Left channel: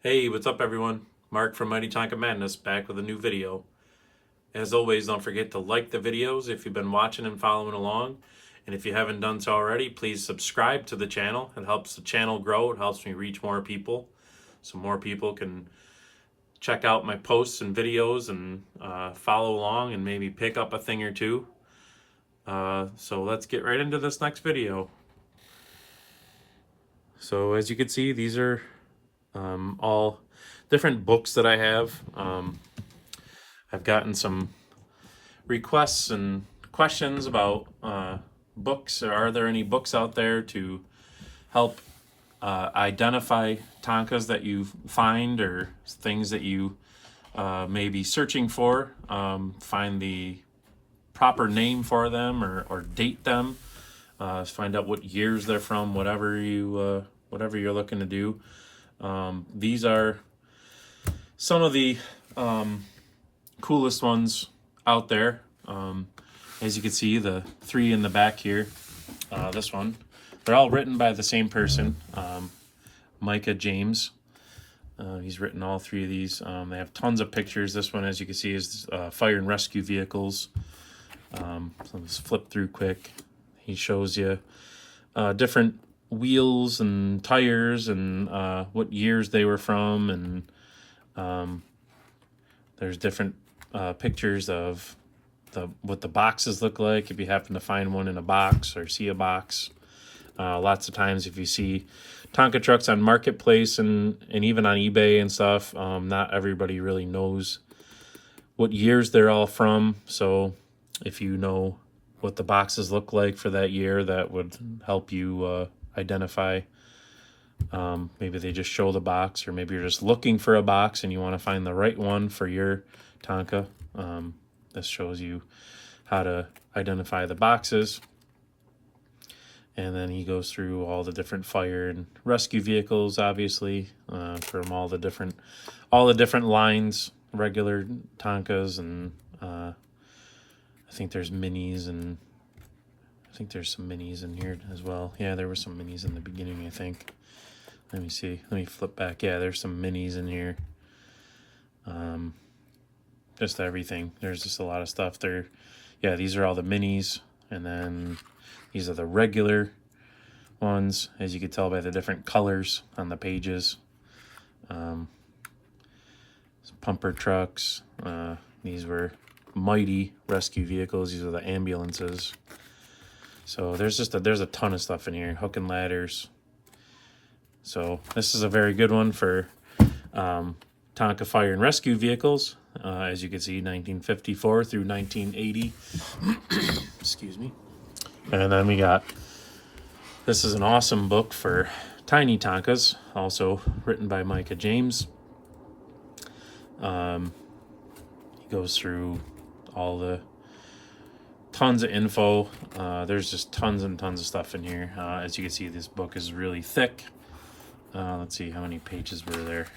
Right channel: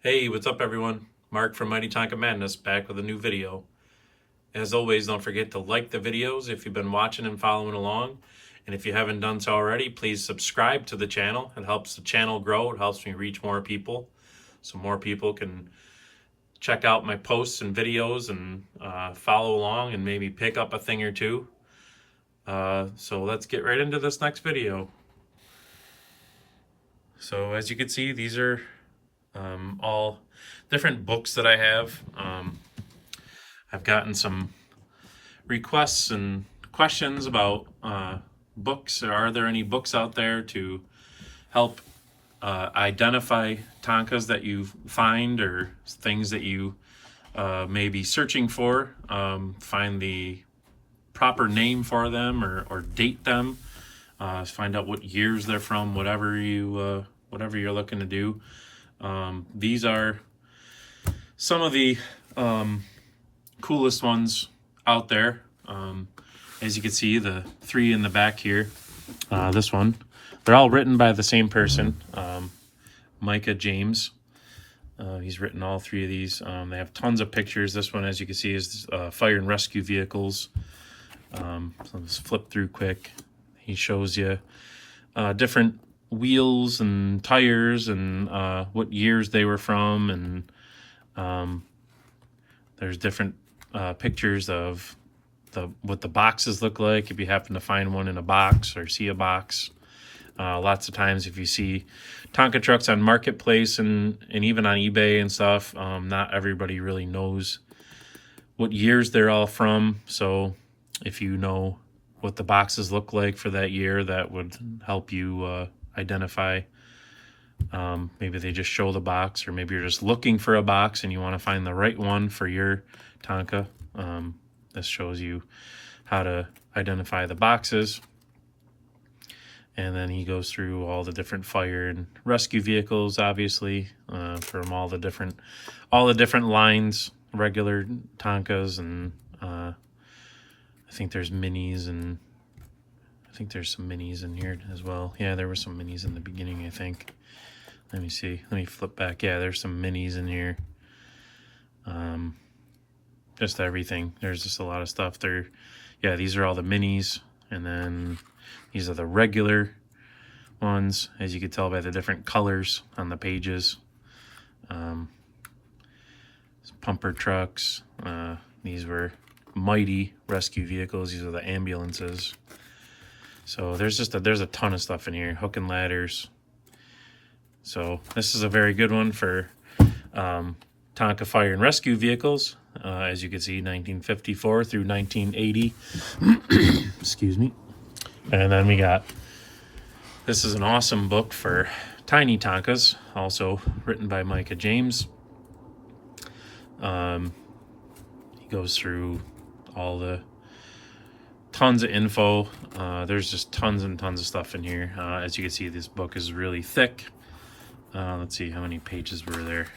Hey, what's up everyone? Mark from Mighty Tonka Madness back with a new video. As always, don't forget to like the videos if you've been watching and following along. And if you haven't done so already, please subscribe to the channel. It helps the channel grow. It helps me reach more people so more people can check out my posts and videos and follow along and maybe pick up a thing or two. So let's get right into this next video. So as you can see, these are all different books that I have. I've gotten some requests and questions about books. Are there any books out there to help identify Tonkas that you find or things that you may be searching for, find the proper name for them or date them, find out what years they're from, whatever you're looking to do. These are some of the coolest ones out there. As you can see, the three in the back here, this one, they're all written by the same person, Micah James. He's written all three of these. They have tons of pictures. This one, as you can see, is fire and rescue vehicles. So let's flip through quick. He shows you different wheels and tires and what years they were from, and there's different pictures of what the boxes look like if you happen to find one in a box or see a box. Lots of times if you see Tonka trucks on Marketplace and even on eBay and stuff, not everybody really knows what years they're all from. So if you know what the boxes look like for that year, that would help you identify. Maybe they just show the box, or maybe you're just looking for a box and you want to find the right one for your Tonka. This shows you how to identify the boxes. And then he goes through all the different fire and rescue vehicles, obviously, from all the different lines, regular Tonkas, and I think there's minis, and I think there's some minis in here as well. Yeah, there were some minis in the beginning, I think. Let me see. Let me flip back. Yeah, there's some minis in here. Just everything. There's just a lot of stuff there. Yeah, these are all the minis, and then these are the regular ones, as you can tell by the different colors on the pages. Pumper trucks. These were mighty rescue vehicles. These are the ambulances. So there's a ton of stuff in here. Hook and ladders. So this is a very good one for Tonka fire and rescue vehicles. As you can see, 1954 through 1980. Excuse me. And then we got, this is an awesome book for tiny Tonkas, also written by Micah James. He goes through all the tons of info. There's just tons and tons of stuff in here. As you can see, this book is really thick. Let's see how many pages were there.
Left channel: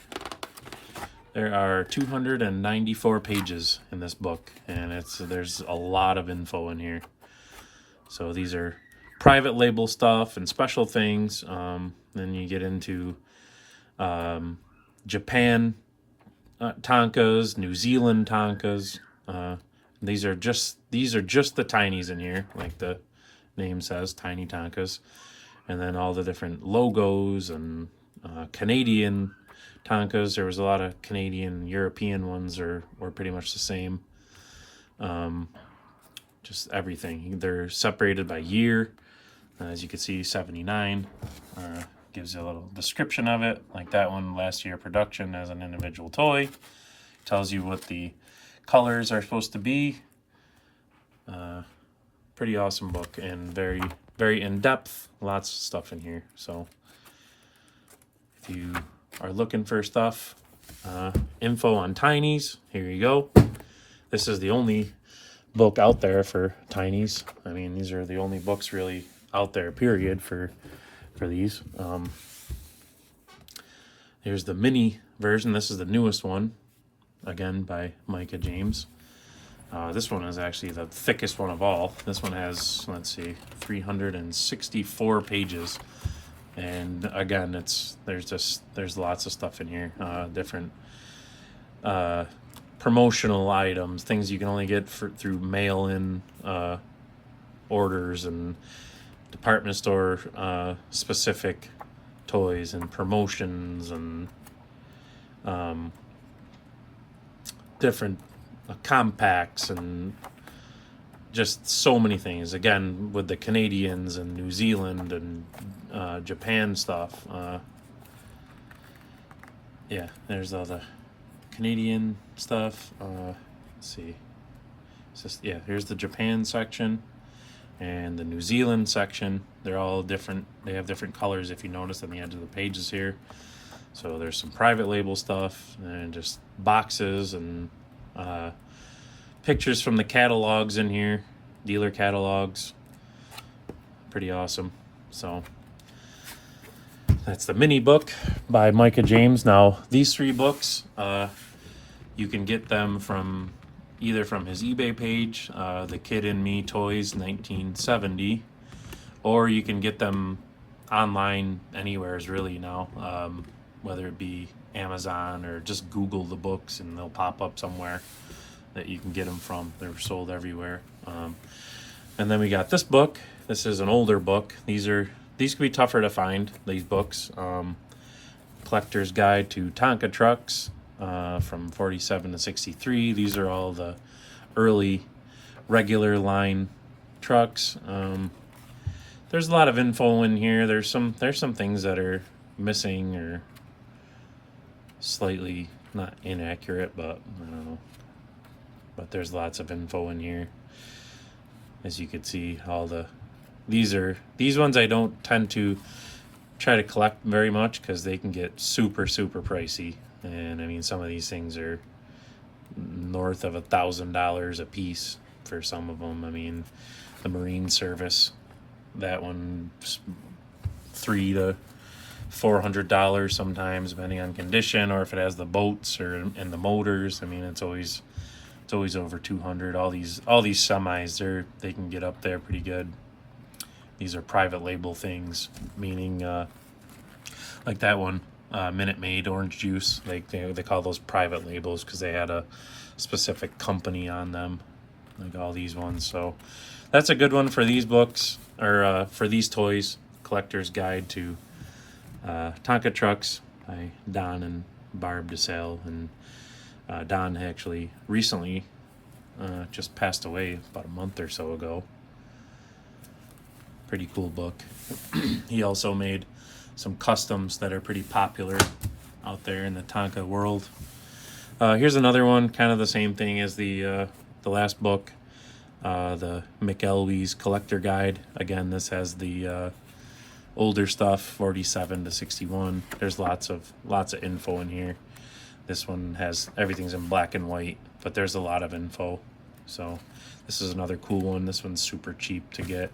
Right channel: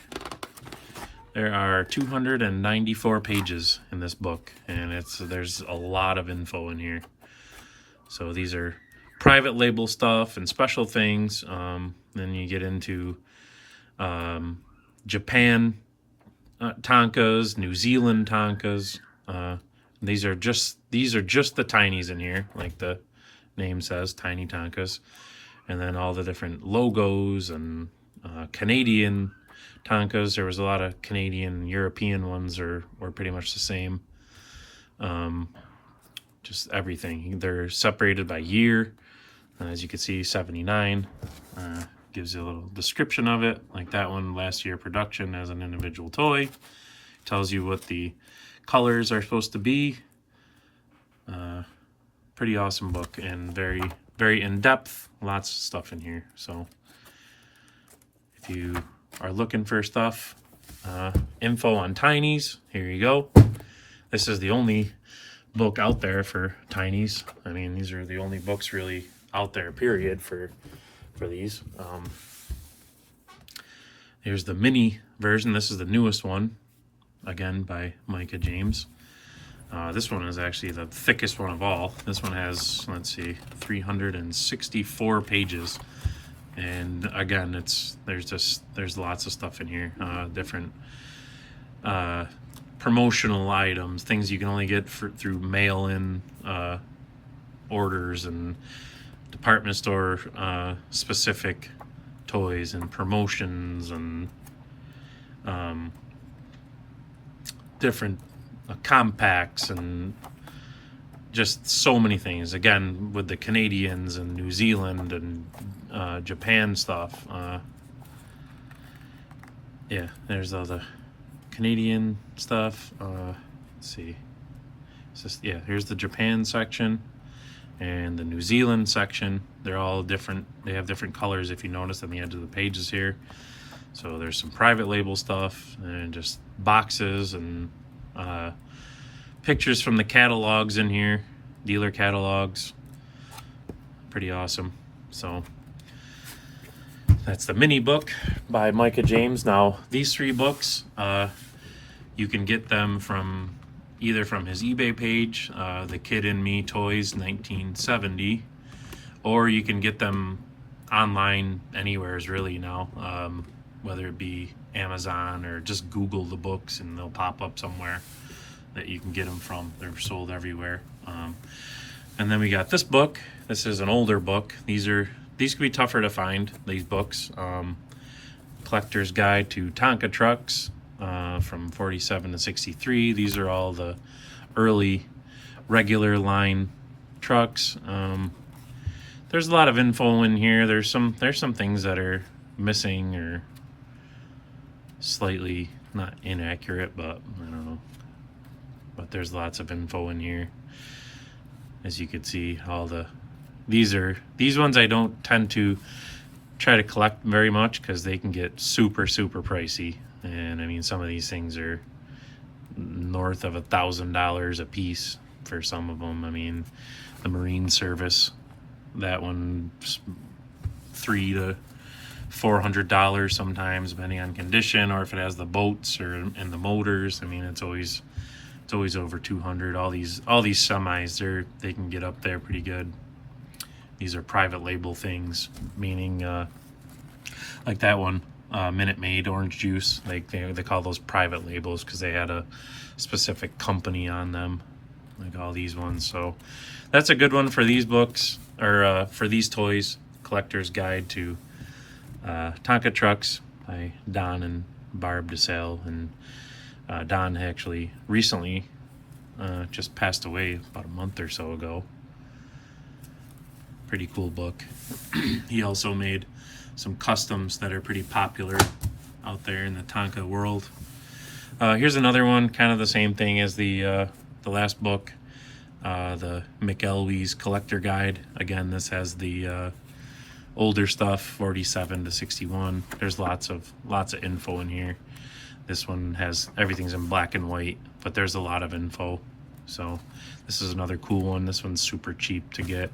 There are 294 pages in this book, and there's a lot of info in here. So these are private label stuff and special things. Then you get into Japan Tonkas, New Zealand Tonkas. These are just the tinies in here, like the name says, tiny Tonkas. And then all the different logos and Canadian Tonkas. There was a lot of Canadian, European ones were pretty much the same. Just everything. They're separated by year. As you can see, 79 gives you a little description of it. Like that one, last year production as an individual toy. Tells you what the colors are supposed to be. Pretty awesome book, and very, very in-depth. Lots of stuff in here. So if you are looking for stuff, info on tinies, here you go. This is the only book out there for tinies. I mean, these are the only books really out there, period, for these. Here's the mini version. This is the newest one, again by Micah James. This one is actually the thickest one of all. This one has, let's see, 364 pages. And again, there's lots of stuff in here, different promotional items, things you can only get through mail-in orders, and department store specific toys and promotions, and different compacts, and just so many things. Again, with the Canadians and New Zealand and Japan stuff. Yeah, there's all the Canadian stuff. Let's see. It's just, yeah, here's the Japan section and the New Zealand section. They're all different. They have different colors, if you notice, on the edge of the pages here. So there's some private label stuff and just boxes and pictures from the catalogs in here, dealer catalogs. Pretty awesome. So that's the mini book by Micah James. Now these 3 books, you can get them from either from his eBay page, The Kid in Me Toys 1970, or you can get them online anywheres really now, whether it be Amazon or just Google the books and they'll pop up somewhere that you can get them from. They're sold everywhere. And then we got this book. This is an older book. These can be tougher to find, these books. Collector's Guide to Tonka Trucks from 47 to 63. These are all the early regular line trucks. There's a lot of info in here. There's some things that are missing or slightly not inaccurate, but I don't know. But there's lots of info in here. As you can see, these ones I don't tend to try to collect very much because they can get super pricey. And I mean, some of these things are north of $1,000 a piece for some of them. I mean, the Marine Service, that one's $300 to $400 sometimes, depending on condition, or if it has the boats and the motors. I mean, it's always over 200. All these semis, they can get up there pretty good. These are private label things, meaning like that one, Minute Maid orange juice. Like they call those private labels because they had a specific company on them, like all these ones. So that's a good one for these books, or for these toys. Collector's Guide to Tonka Trucks by Don and Barb DeSalle. And Don actually recently just passed away about a month or so ago. Pretty cool book. He also made some customs that are pretty popular out there in the Tonka world. Here's another one, kind of the same thing as the last book, the McElwee's Collector Guide. Again, this has the older stuff, 47 to 61. There's lots of info in here. This one has everything's in black and white, but there's a lot of info. So this is another cool one. This one's super cheap to get.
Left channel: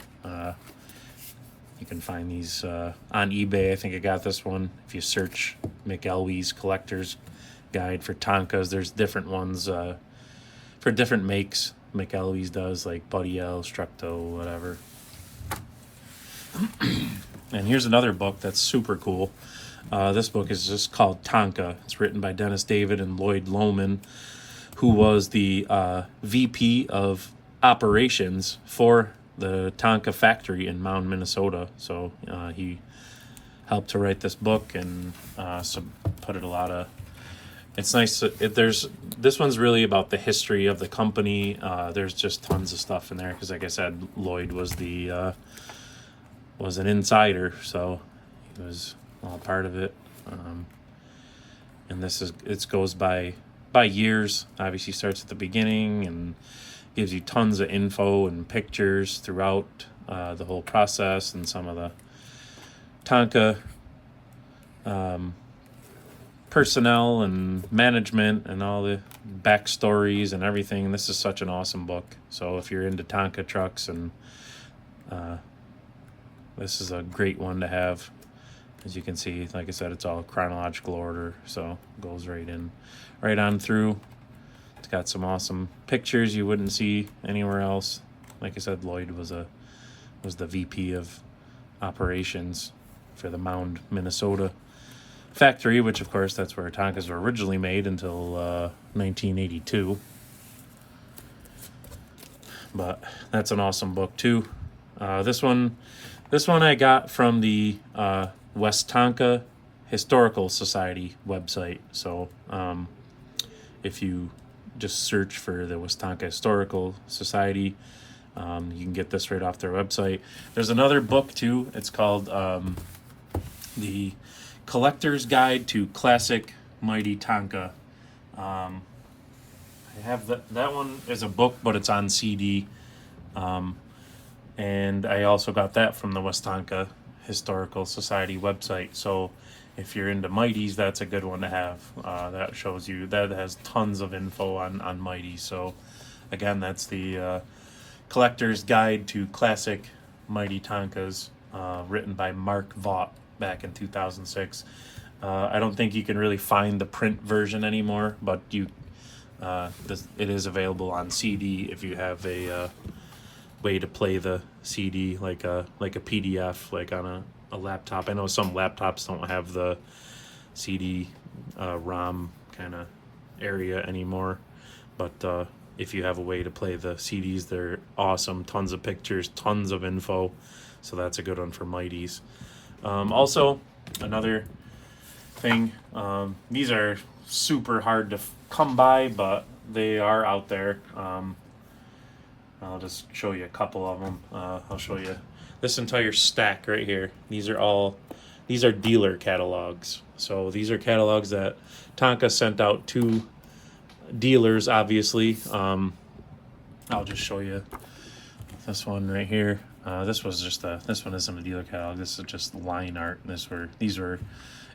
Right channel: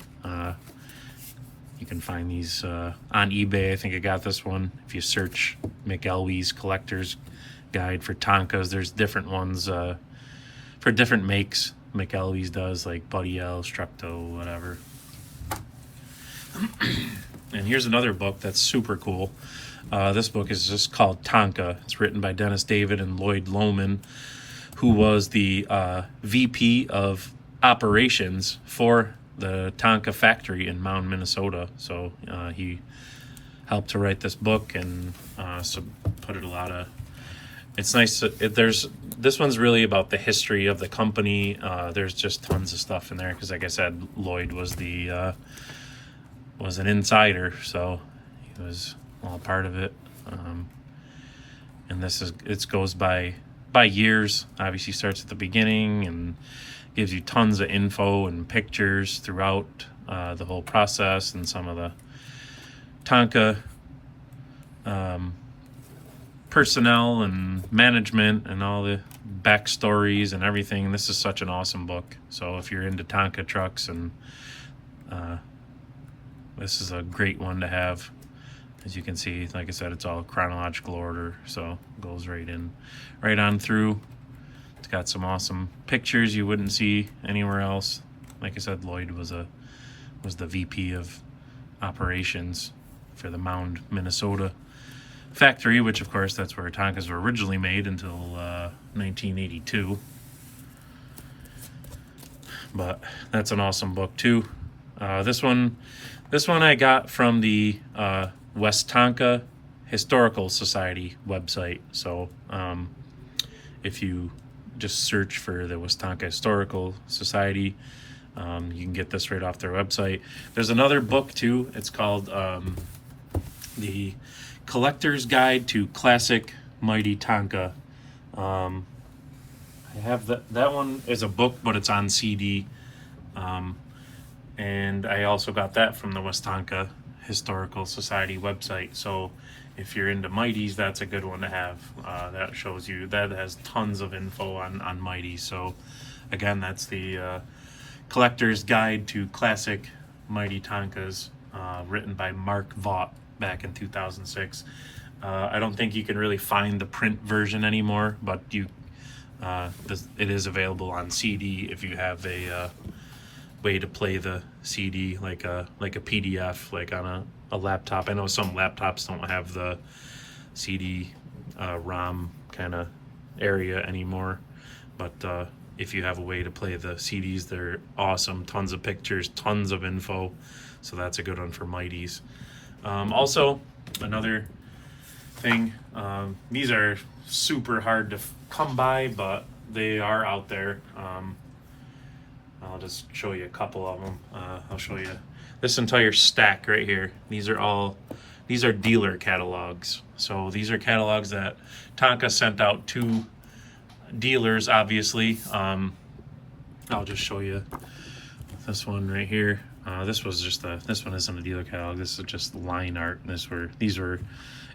You can find these on eBay. I think I got this one. If you search McElwee's Collector's Guide for Tonkas, there's different ones for different makes. McElwee's does, like Buddy L, Structo, whatever. And here's another book that's super cool. This book is just called Tonka. It's written by Dennis David and Lloyd Lohman, who was the VP of operations for the Tonka factory in Mound, Minnesota. So he helped to write this book and put it a lot of. It's nice. This one's really about the history of the company. There's just tons of stuff in there because, like I said, Lloyd was was an insider, so he was all part of it. And it goes by years. Obviously starts at the beginning and gives you tons of info and pictures throughout the whole process, and some of the Tonka personnel and management and all the backstories and everything. This is such an awesome book. So if you're into Tonka trucks, and this is a great one to have. As you can see, like I said, it's all chronological order, so it goes right on through. It's got some awesome pictures you wouldn't see anywhere else. Like I said, Lloyd was the VP of operations for the Mound, Minnesota factory, which of course that's where Tonkas were originally made until 1982. But that's an awesome book too. This one I got from the West Tonka Historical Society website. So if you just search for the West Tonka Historical Society, you can get this right off their website. There's another book too. It's called The Collector's Guide to Classic Mighty Tonka. I have that one is a book, but it's on CD. And I also got that from the West Tonka Historical Society website. So if you're into Mighties, that's a good one to have. That shows you, that has tons of info on Mighties. So again, that's the Collector's Guide to Classic Mighty Tonkas, written by Mark Vaught back in 2006. I don't think you can really find the print version anymore, but it is available on CD if you have a way to play the CD like a PDF, like on a laptop. I know some laptops don't have the CD ROM kind of area anymore, but if you have a way to play the CDs, they're awesome. Tons of pictures, tons of info. So that's a good one for Mighties. Also, another thing, these are super hard to come by, but they are out there. I'll just show you a couple of them. I'll show you this entire stack right here. These are dealer catalogs. So these are catalogs that Tonka sent out to dealers, obviously. I'll just show you this one right here. This one isn't a dealer catalog. This is just line art. These were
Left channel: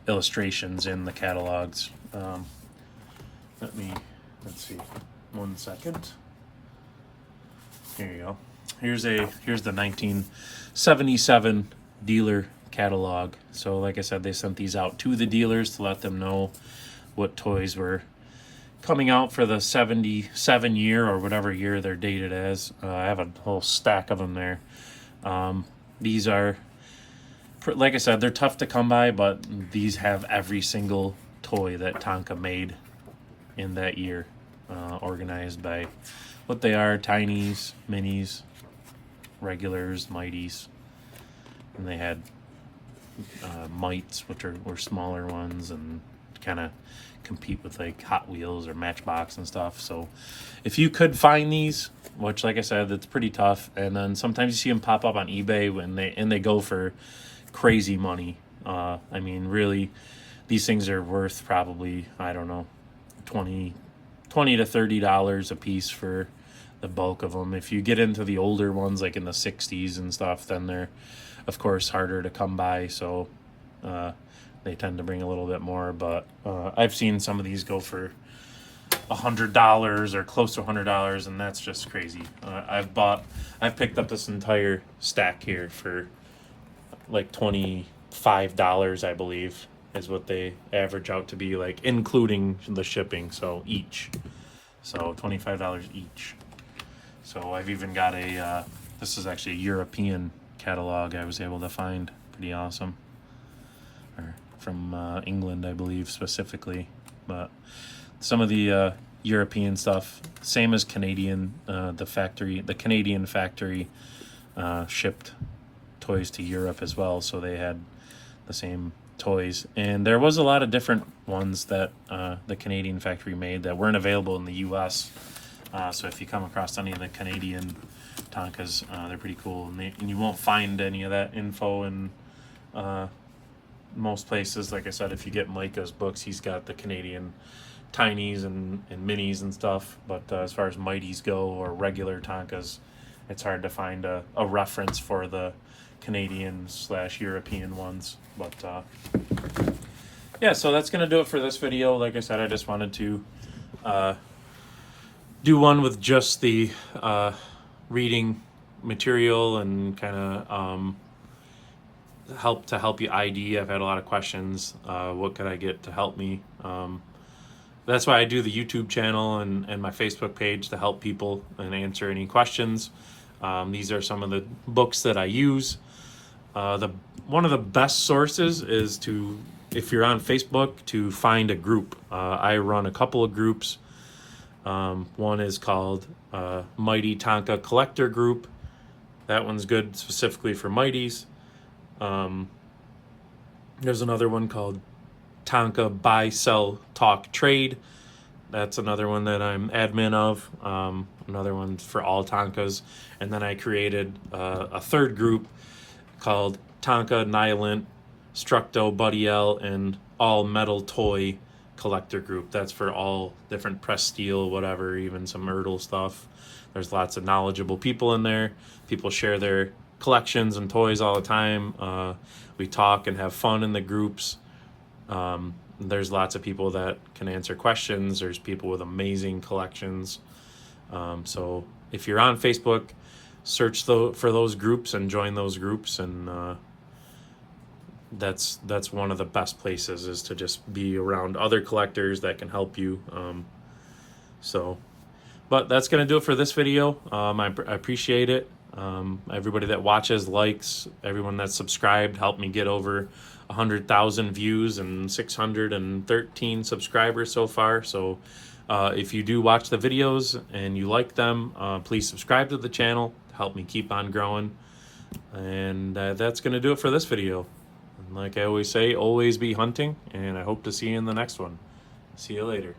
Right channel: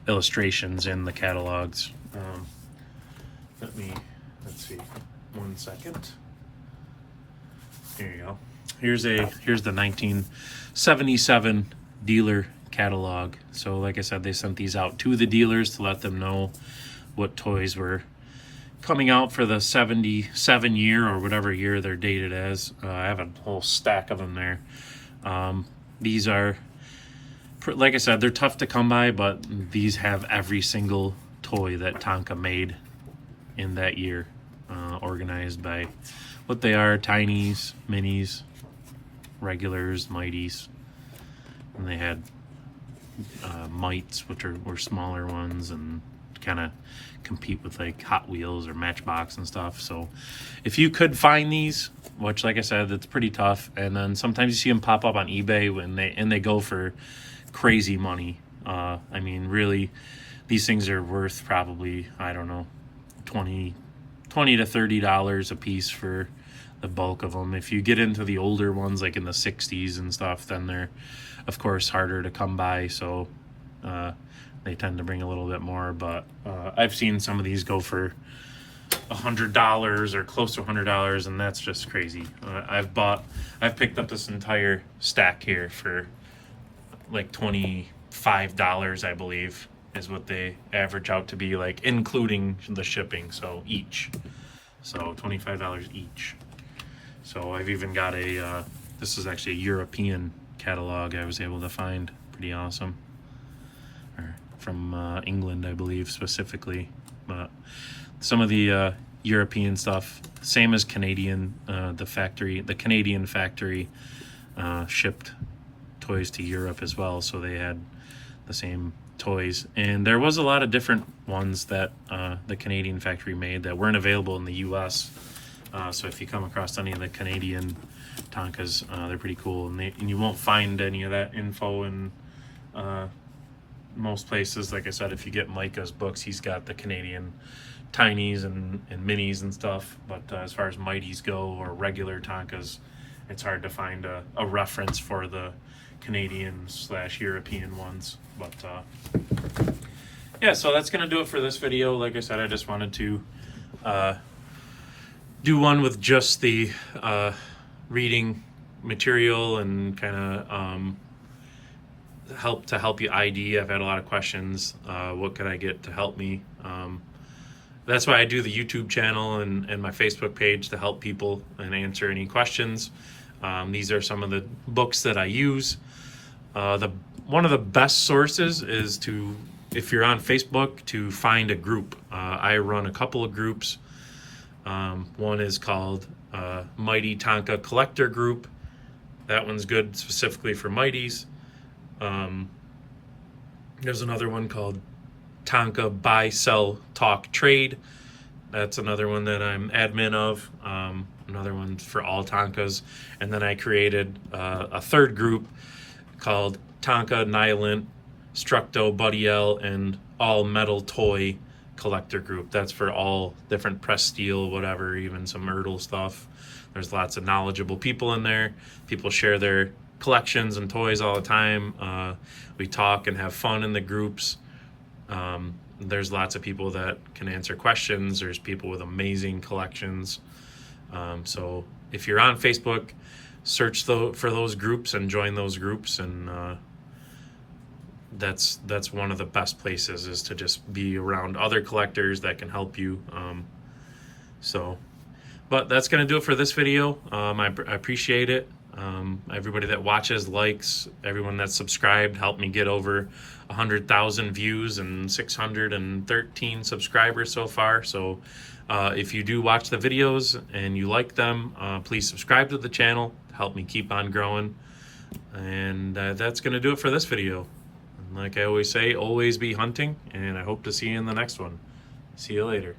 illustrations in the catalogs. Let's see, 1 second. Here you go. Here's the 1977 dealer catalog. So like I said, they sent these out to the dealers to let them know what toys were coming out for the 77 year or whatever year they're dated as. I have a little stack of them there. These are, like I said, they're tough to come by, but these have every single toy that Tonka made in that year, organized by what they are: tinies, minis, regulars, mighties, and they had mites, which were smaller ones, and kind of compete with like Hot Wheels or Matchbox and stuff. So if you could find these, which like I said, it's pretty tough, and then sometimes you see them pop up on eBay when they go for crazy money. I mean, really, these things are worth probably, I don't know, $20 to $30 a piece for the bulk of them. If you get into the older ones, like in the 60s and stuff, then they're of course harder to come by, so they tend to bring a little bit more. But I've seen some of these go for $100 or close to $100, and that's just crazy. I've picked up this entire stack here for like $25, I believe, is what they average out to be, like including the shipping. So $25 each. So I've even got this is actually a European catalog I was able to find. Pretty awesome. Or from England, I believe, specifically. But some of the European stuff, same as Canadian, the Canadian factory shipped toys to Europe as well, so they had the same toys. And there was a lot of different ones that the Canadian factory made that weren't available in the US. So if you come across any of the Canadian Tonkas, they're pretty cool, and you won't find any of that info in most places. Like I said, if you get Micah's books, he's got the Canadian tinies and minis and stuff, but as far as mighties go or regular Tonkas, it's hard to find a reference for the Canadian/European ones. But yeah, so that's gonna do it for this video. Like I said, I just wanted to do one with just the reading material and kind of help you ID. I've had a lot of questions. What could I get to help me? That's why I do the YouTube channel and my Facebook page, to help people and answer any questions. These are some of the books that I use. The one of the best sources is if you're on Facebook, to find a group. I run a couple of groups. One is called Mighty Tonka Collector Group. That one's good specifically for Mighties. There's another one called Tonka Buy, Sell, Talk, Trade. That's another one that I'm admin of. Another one for all Tonkas. And then I created a third group called Tonka, Nylon, Structo, Buddy L, and All Metal Toy Collector Group. That's for all different press steel, whatever, even some Ertl stuff. There's lots of knowledgeable people in there. People share their collections and toys all the time. We talk and have fun in the groups. There's lots of people that can answer questions. There's people with amazing collections. So if you're on Facebook, search for those groups and join those groups. And that's one of the best places, is to just be around other collectors that can help you. But that's going to do it for this video. I appreciate it. Everybody that watches, likes, everyone that's subscribed helped me get over 100,000 views and 613 subscribers so far. So if you do watch the videos and you like them, please subscribe to the channel to help me keep on growing. And that's going to do it for this video. And like I always say, always be hunting, and I hope to see you in the next one. See you later.